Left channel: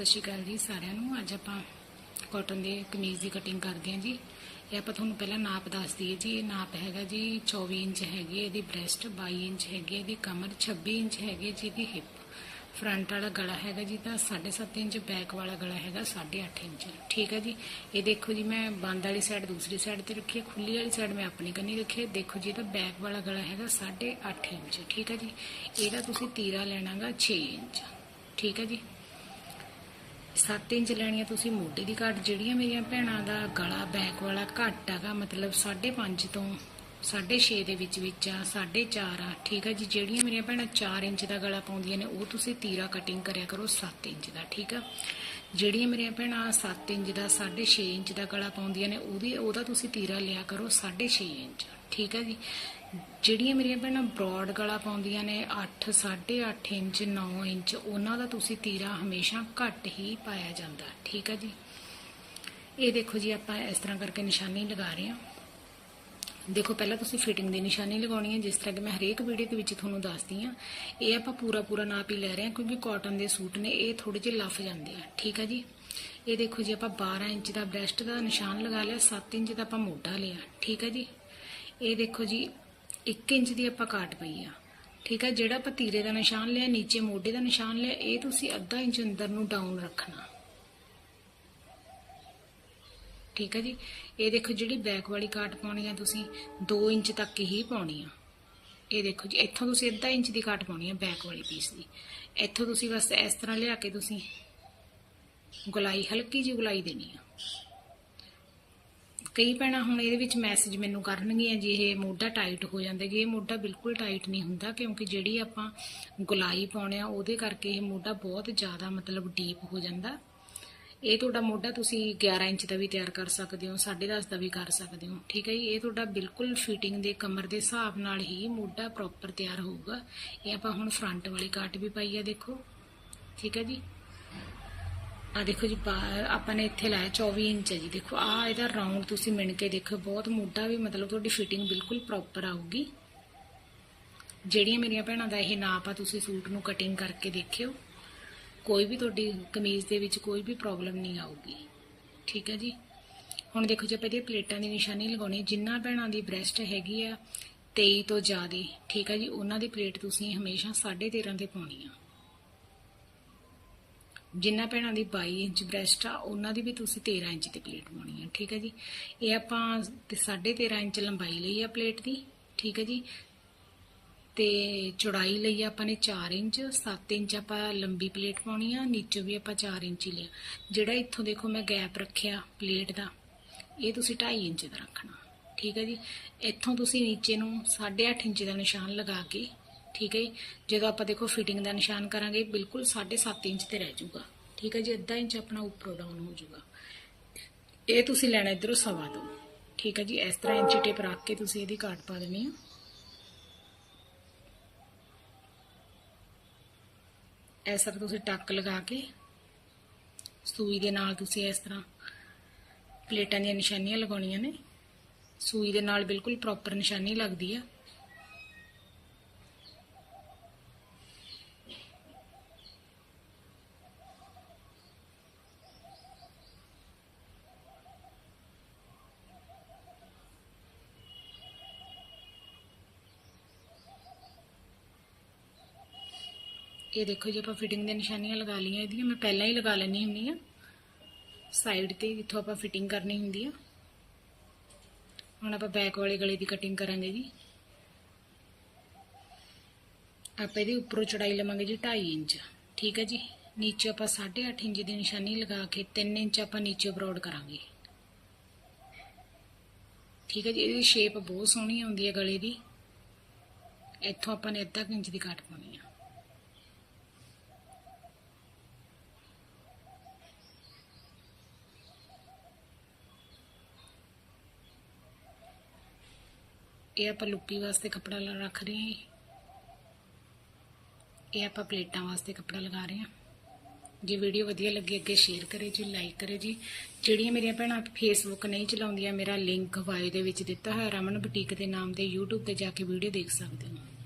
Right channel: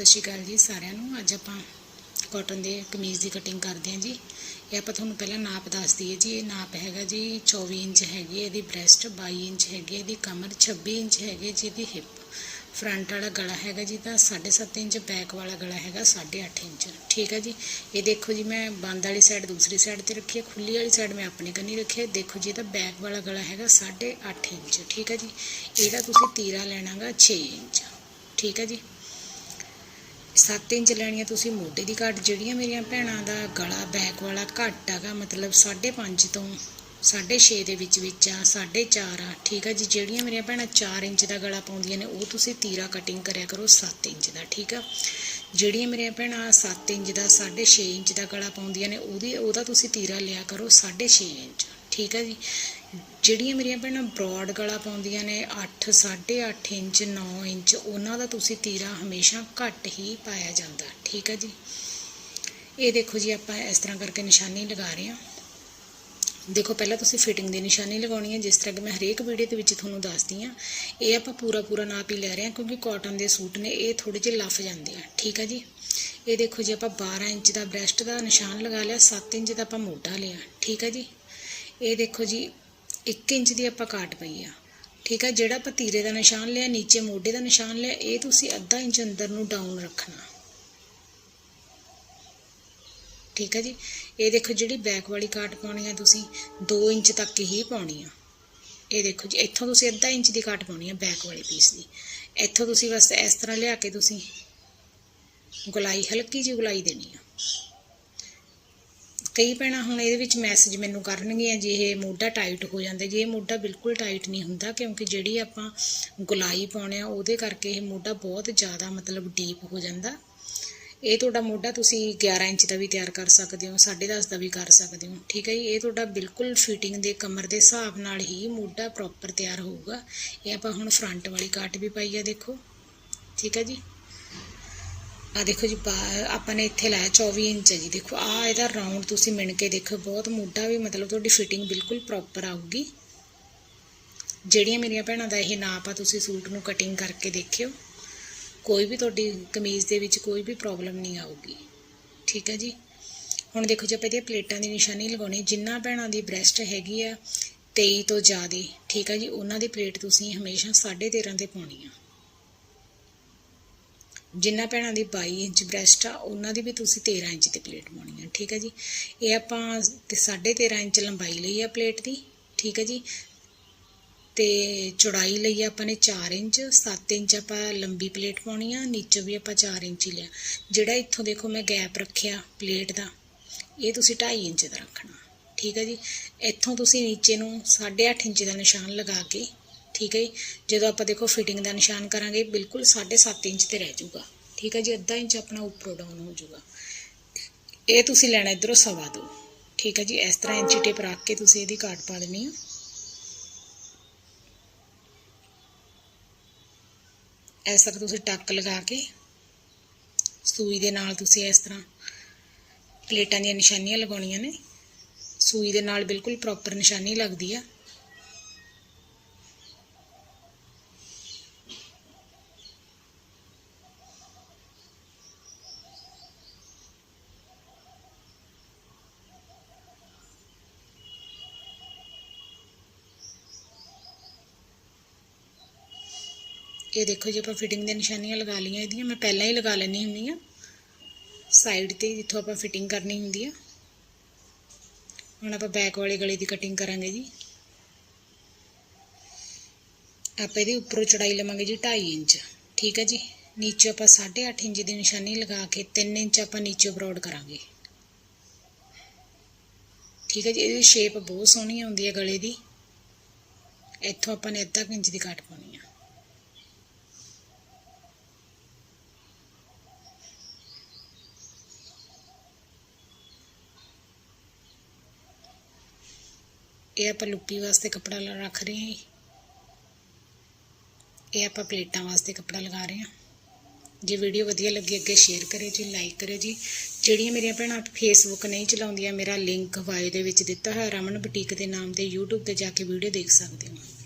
ਸਤਿ ਸ਼੍ਰੀ ਅਕਾਲ ਜੀ ਸਾਰਿਆਂ ਨੂੰ। ਅੱਜ ਆਪਾਂ ਕਾਟਨ ਦੇ ਕਮੀਜ਼ ਦੀ ਕਟਿੰਗ ਕਰਦੇ ਹਾਂ ਜੀ। ਇਹ ਆਪਾਂ ਤੁਹਾਨੂੰ ਪਹਿਲਾਂ ਨਾਪ ਦੱਸ ਦਈਏ ਜੀ। ਇਹ ਨਾਪ ਹੈਗਾ ਜੀ 24 ਇੰਚ ਹੈਗੀ ਹੈ, ਇਹਦੀ ਬ੍ਰੈਸਟ 22 ਇੰਚ ਹੈਗੀ ਇਹਦੀ ਕਮਰ 26 ਇੰਚ ਹੈਗੀ ਹੈ ਜੀ ਇਹਦੀ ਹਿੱਪ ਫਰੰਟ ਵਾਲਾ ਗਲਾ ਹੈਗਾ ਜੀ, ਤਾਂ 7.5 ਇੰਚ ਬੈਕ ਵਾਲਾ ਗਲਾ ਹੈਗਾ 8.5 ਇੰਚ। ਠੀਕ ਹੈ ਜੀ? ਇਹ ਦੇਖੋ ਜੀ, ਮੈਂ ਬੰਦ ਵਾਲੀ ਸਾਈਡ ਦੂਸਰੀ ਸਾਈਡ ਤੇ ਰੱਖੀ ਹੈ, ਖੁੱਲੀ ਵਾਲੀ ਸਾਈਡ ਮੈਂ ਆਪਣੀ ਕੰਨੀ ਰੱਖੀ ਹੈ। ਦੇਖੋ ਜੀ, ਇਹਦਾ ਬੈਕ ਵਾਲਾ ਗਲਾ ਹੈਗਾ 8.5 ਇੰਚ। ਠੀਕ ਹੈ ਜੀ? ਇਹਦਾ ਤੁਸੀਂ ਤੀਰਾ ਲੈਣਾਗਾ 6 ਇੰਚ। ਠੀਕ ਹੈ ਜੀ? 7 ਇੰਚ ਲੈਣੀ ਆ ਤੁਸੀਂ ਮੋਢੇ ਦੀ ਘੱਟ, ਜਿਹੜੀਆਂ ਮੇਰੀਆਂ ਭੈਣਾਂ ਦਾ ਗਲਾ ਬੈਕ ਵਾਲਾ ਘੱਟ ਹੈਗਾ, ਮਤਲਬ 5.5 ਤੋਂ 6.5 ਦੇ ਵਿੱਚ ਵਿੱਚ ਆ 4.5 ਆ, ਠੀਕ ਆ ਜੀ? ਜਿਹੜੀਆਂ ਮੇਰੀਆਂ ਭੈਣਾਂ 4 ਇੰਚ ਦਾ ਗਲਾ ਪਾਉਂਦੀਆਂ ਨੇ, ਉਹ ਤੁਸੀਂ ਤੀਰਾ ਕਟਿੰਗ ਕਰਿਆ ਕਰੋ 7 ਇੰਚ ਦਾ, ਠੀਕ ਆ? ਜਿਹੜੀਆਂ ਮੇਰੀਆਂ ਭੈਣਾਂ 7 ਇੰਚ ਦਾ 6.5 ਇੰਚ ਦਾ ਗਲਾ ਪਾਉਂਦੀਆਂ ਨੇ, ਉਹਦੀ, ਉਹਦਾ ਤੁਸੀਂ ਤੀਰਾ ਲਿਆ ਕਰੋ 6.5 ਇੰਚ, ਠੀਕ ਆ ਜੀ? ਜਿਹੜੀਆਂ ਮੇਰੀਆਂ ਭੈਣਾਂ ਬ੍ਰੌਡ ਗਲਾ ਪਾਉਂਦੀਆਂ ਨੇ 8 8.5 ਇੰਚ 9 ਇੰਚ, ਉਹਨਾਂ ਦਾ ਤੁਸੀਂ ਤੀਰਾ ਹਮੇਸ਼ਾ ਘੱਟ ਹੀ ਪਾਇਆ ਜਾਂਦਾ। ਠੀਕ ਆ ਜੀ? ਇਹ ਦੇਖੋ ਜੀ, ਆਪਾਂ ਇਸ ਤਰ੍ਹਾਂ ਕਰਕੇ ਨਿਸ਼ਾਨੀ ਲਗਾ ਰਹੇ ਹਾਂ। ਦੇਖੋ, ਪਹਿਲਾਂ ਤੁਸੀਂ ਫਿਟਿੰਗ ਦੀ ਨਿਸ਼ਾਨੀ ਲਗਾਉਣੀ ਹੈ, ਜਿਸ ਤਰ੍ਹਾਂ ਕਿ ਮੈਂ ਹਰੇਕ ਵੀਡੀਓ ਦੇ ਵਿੱਚ ਤੁਹਾਨੂੰ ਦੱਸਦੀ ਹਾਂ। ਇਹ ਆਪਾਂ ਪੂਰਾ ਪੂਰਾ ਨਾਪ ਹੀ ਲੈ ਰਹੇ ਹਾਂ, ਕਿਉਂਕਿ ਕਾਟਨ ਦੇ ਸੂਟ ਨੇ, ਇਹ ਥੋੜੇ ਜਿਹੇ ਲੱਫ ਜਾਂਦੇ ਆ। ਠੀਕ ਆ ਜੀ? ਇਹ ਦੇਖੋ ਜੀ, ਆਪਾਂ 12 ਇੰਚ ਦਾ ਬ੍ਰੈਸਟ ਦਾ ਨਿਸ਼ਾਨ ਲਗਾ ਲਿਆ 7 ਇੰਚ ਦਾ ਆਪਾਂ ਮੋਢਾ ਲਿਆ। ਠੀਕ ਆ ਜੀ? ਇਹ ਦੇਖੋ ਜੀ 1 ਇੰਚ ਦੀ ਆਪਾਂ ਕਾਟ ਪਈ ਆ। ਠੀਕ ਆ? ਜਿਹੜਾ ਆਪਾਂ ਤੀਰੇ ਦਾ ਨਿਸ਼ਾਨ ਲਿਆ, ਨੀਚੇ ਮੋਢੇ ਦਾ ਨਿਸ਼ਾਨ ਲਿਆ, ਇਹ ਤੁਸੀਂ ਅੱਧਾ ਇੰਚ ਅੰਦਰ ਨੂੰ ਡਾਊਨ ਰੱਖਣਾ। ਠੀਕ ਹੈ ਜੀ? ਇਹ ਦੇਖੋ ਜਿਹੜੀ ਬੈਕ ਵਾਲੀ ਕਾਟ ਪਾਉਣੀ ਆ ਤੁਸੀਂ 2 ਇੰਚ ਤੱਕ ਹੀ ਪਾਉਣੀ ਆ। ਇਹ ਦੇਖੋ ਜੀ, ਇੱਥੋਂ ਤੁਸੀਂ ਅੱਧਾ ਇੰਚ ਦੀ ਕਾਟ ਪਾਉਣੀ ਆ ਬੈਕ ਵਾਲੀ ਪੀਸ ਦੀ। ਇੱਥੋਂ ਤੁਸੀਂ ਬਸ ਇਸ ਤਰ੍ਹਾਂ ਲਿਆ ਕੇ ਤੁਸੀਂ ਗੁਲਾਈ, ਹਲਕੀ ਜਿਹੀ ਗੁਲਾਈ ਦੇਣੀ ਆ। ਕਈ ਭੈਣਾਂ ਹੁਣ ਇਹਦੇ ਵਿੱਚ ਮੈਸੇਜ ਮੈਨੂੰ ਕਰਨਗੀਆਂ ਜੀ ਇਹ ਮੋਢਾ ਟਾਈਟ ਹੋ ਜਾਂਦਾ, ਜੇ ਇਹ ਮੋਢਾ ਬਿਲਕੁਲ ਟਾਈਟ ਨਹੀਂ ਹੁੰਦਾ, ਕਿਉਂਕਿ ਜਿਹੜੀ ਆਪਾਂ ਗੁਲਾਈ ਪਾਉਣੇ ਆ, ਉਹਦੇ ਕਰਕੇ ਇਹ ਮੋਢਾ ਬਹੁਤ ਜ਼ਿਆਦਾ ਮਤਲਬ ਡੀਪ ਹੋ ਜਾਂਦਾ। ਇਹ ਤੁਹਾਡਾ ਮੋਢਾ ਤੁਸੀਂ 11 ਇੰਚ ਦਾ ਵੀ ਤਿਆਰ ਕਰ ਸਕਦੇ ਹੋ 10.5 ਦਾ ਵੀ ਕਰ ਸਕਦੇ ਹੋ, ਠੀਕ ਹੈ ਜੀ? ਇਹ ਤੁਹਾਡਾ ਬਿਲਕੁਲ ਫਿਟਿੰਗ ਦੇ ਕਮਰ ਦੇ ਹਿਸਾਬ ਨਾਲ ਹੀ ਮੋਢਾ ਪ੍ਰੋਪਰ ਤਿਆਰ ਹੋਊਗਾ। ਇਹ ਆਪਾਂ ਹੁਣ ਫਰੰਟ ਵਾਲੀ ਕਾਟ ਵੀ ਪਾਈ ਆ, ਦੇਖੋ, ਠੀਕ ਹੈ ਜੀ? ਆ ਦੇਖੋ ਜੀ, ਬਾ- ਆਪਾਂ ਨੇ ਇੱਥੇ ਲਾਇਆ 24 ਇੰਚ ਜੀ। ਦੇਖੋ ਆ ਇਹਦਾ ਰਾਉਂਡ ਤੁਸੀਂ ਮਿਣ ਕੇ ਦੇਖੋ, ਬਹੁਤ ਮੋਢਾ ਵੀ ਮਤਲਬ ਤੁਹਾਡੀ ਫਿਟਿੰਗ ਬਿਲਕੁਲ ਪ੍ਰੋਪਰ ਆਊਗੀ। ਜਿਹੜੀਆਂ ਮੇਰੀਆਂ ਭੈਣਾਂ ਦਾ ਇਹ ਨਾਪ ਆ, ਤੁਸੀਂ ਸੂਟ ਨੂੰ ਕਟਿੰਗ ਕਰਕੇ ਦੇਖਿਓ। ਕੋਈ ਵੀ ਤੁਹਾਡੀ ਕਮੀਜ਼ ਦੇ ਵਿੱਚ ਕੋਈ ਵੀ ਪ੍ਰੋਬਲਮ ਨਹੀਂ ਆਊਗੀ। ਠੀਕ ਹੈ ਜੀ? ਹੁਣ ਦੇਖੋ, ਜੀ ਆਪਾਂ ਇਹਦੀਆਂ ਪਲੇਟਾਂ ਦੀ ਨਿਸ਼ਾਨੀ ਲਗਾਉਣੀ, ਜਿੰਨਾ ਭੈਣਾਂ ਦੀ ਬ੍ਰੈਸਟ ਹੈਗੀ ਆ 23 ਤੋਂ ਜ਼ਿਆਦਾ, ਠੀਕ ਆ ਜੀ? ਉਹਨਾਂ ਦੀ ਪਲੇਟ ਤੁਸੀਂ ਹਮੇਸ਼ਾ 13.5 ਤੇ ਪਾਉਣੀ ਆ। ਜਿੰਨਾ ਭੈਣਾਂ ਦੀ 22 ਇੰਚ ਬ੍ਰੈਸਟ ਆ, ਉਹਨਾਂ ਦੀ ਵੀ ਤੁਸੀਂ 13 ਇੰਚ ਦੀ ਪਲੇਟ ਪਾਉਣੀ ਆ, ਠੀਕ ਹੈ ਜੀ? ਇਹ ਆਪਾਂ ਤੇ 13.5 ਇੰਚ ਲੰਬਾਈ ਲਈ ਆ ਪਲੇਟ ਦੀ, ਠੀਕ ਹੈ ਜੀ? ਤੇ ਚੌੜਾਈ ਲਈ ਆਪਾਂ ਨੇ 4 ਇੰਚ 7 ਇੰਚ ਆਪਾਂ ਲੰਬੀ ਪਲੇਟ ਪਾਉਣੀ ਆ, ਨੀਚੋਂ ਵੀ ਆਪਾਂ 4 ਇੰਚ ਹੀ ਲਿਆ। ਜਿਹੜਾ ਇੱਥੋਂ ਦੇਖੋ ਮੈਂ ਗੈਪ ਰੱਖਿਆ ਪਲੇਟ ਦਾ, ਇਹ ਤੁਸੀਂ 2.5 ਇੰਚ ਦਾ ਰੱਖਣਾ, ਠੀਕ ਹੈ ਜੀ? ਇੱਥੋਂ ਤੁਸੀਂ ਨੀਚੇ ਨੂੰ 8.5 ਇੰਚ ਦਾ ਨਿਸ਼ਾਨ ਲਗਾ ਕੇ ਠੀਕ ਹੈ ਜੀ? ਜਦੋਂ ਆਪਾਂ ਦੇਖੋ ਫਿਟਿੰਗ ਦਾ ਨਿਸ਼ਾਨ ਕਰਾਂਗੇ, ਬਿਲਕੁਲ 7.5 ਇੰਚ ਤੇ ਰਹਿ ਜਾਊਗਾ। ਠੀਕ ਹੈ ਜੀ? ਅੱਧਾ ਇੰਚ ਆਪਣਾ ਉੱਪਰੋਂ ਡਾਊਨ ਹੋ ਜਾਊਗਾ। ਇਹ ਤੁਸੀਂ ਲੈਣਾ ਇਧਰੋਂ ਸਵਾ ਦੋ। ਠੀਕ ਹੈ ਜੀ? ਇਸ ਤਰ੍ਹਾਂ ਇੰਚੀ ਟੇਪ ਰੱਖ ਕੇ ਤੁਸੀਂ ਇਹਦੀ ਕਾਟ ਪਾ ਦੇਣੀ ਆ ਇਸ ਤਰ੍ਹਾਂ ਤੁਸੀਂ ਟੱਕ ਲਗਾ ਕੇ, ਸੂਈ ਦੇ ਨਾਲ ਤੁਸੀਂ ਇਸ ਤਰ੍ਹਾਂ ਪਲੇਟਾਂ ਦੀਆਂ ਨਿਸ਼ਾਨੀਆਂ ਲਗਾਉਣੀਆਂ ਨੇ। ਸੂਈ ਦੇ ਨਾਲ ਬਿਲਕੁਲ ਪ੍ਰੋਪਰ ਨਿਸ਼ਾਨੀ ਲੱਗਦੀ ਆ। ਇਹ ਦੇਖੋ ਜੀ, ਆਪਾਂ ਫਿਟਿੰਗ ਦੀਆਂ ਨਿਸ਼ਾਨੀਆਂ ਲਗਾ ਲਈਆਂ ਇਹਦੀਆਂ। ਮੈਂ ਪਹਿਲਾਂ ਹੀ ਲਗਾ ਲੈਣੀ ਹੁੰਦੀ ਆ ਸਾਈਡ ਤੇ ਜਿੱਥੋਂ ਆਪਾਂ ਫਿਟਿੰਗ ਕਰਨੀ ਹੁੰਦੀ ਆ। ਹੁਣ ਆਪਾਂ ਬੈਕ ਵਾਲੇ ਗਲੇ ਦੀ ਕਟਿੰਗ ਕਰਾਂਗੇ ਜੀ। ਆਪਾਂ ਇਹਦੀ ਉੱਪਰੋਂ ਚੌੜਾਈ ਲਵਾਂਗੇ ਜੀ 2.5 ਇੰਚ। ਠੀਕ ਹੈ ਜੀ? ਨੀਚੇ ਆਪਾਂ 8.5 ਇੰਚ ਦੀ ਨਿਸ਼ਾਨੀ ਲਗਾ ਕੇ 3 ਇੰਚ ਆਪਾਂ ਨੀਚੇ ਬਰੋਡ ਕਰਾਂਗੇ। ਠੀਕ ਹੈ ਜੀ? ਇਹਦੀ ਸ਼ੇਪ ਬਹੁਤ ਸੋਹਣੀ ਆਉਂਦੀ ਹੈ ਗਲੇ ਦੀ। ਇੱਥੋਂ ਆਪਾਂ ਨੇ ਅੱਧਾ ਕੁ ਇੰਚ ਦੀ ਕੱਟ ਪਾਉਣੀ ਆ ਇਹ ਆਪਾਂ ਲੁੱਪੀ ਵਾਸਤੇ ਕੱਪੜਾ ਰੱਖ ਰਹੇ ਹਾਂ ਜੀ। ਇਹ ਆਪਾਂ ਪਲੇਟਾਂ ਵਾਸਤੇ ਕੱਪੜਾ ਲਗਾ ਰਹੇ ਹਾਂ। ਜੇ ਵੀਡੀਓ ਵਧੀਆ ਲੱਗੀ ਅੱਗੇ ਸ਼ੇਅਰ ਕਰਿਓ ਜੀ ਲਾਈਕ ਕਰਿਓ ਜੀ। ਜਿਹੜੀਆਂ ਮੇਰੀਆਂ ਭੈਣਾਂ ਫੇਸਬੁੱਕ ਨਹੀਂ ਚਲਾਉਂਦੀਆਂ, ਮੇਰਾ ਲਿੰਕ ਬਾਇਓ ਦੇ ਵਿੱਚ ਦਿੱਤਾ ਹੋਇਆ, ਰਮਨ ਬੁਟੀਕ ਦੇ ਨਾਮ ਤੇ YouTube ਤੇ ਜਾ ਕੇ ਵੀਡੀਓ ਦੇਖ ਸਕਦੇ ਹੋ।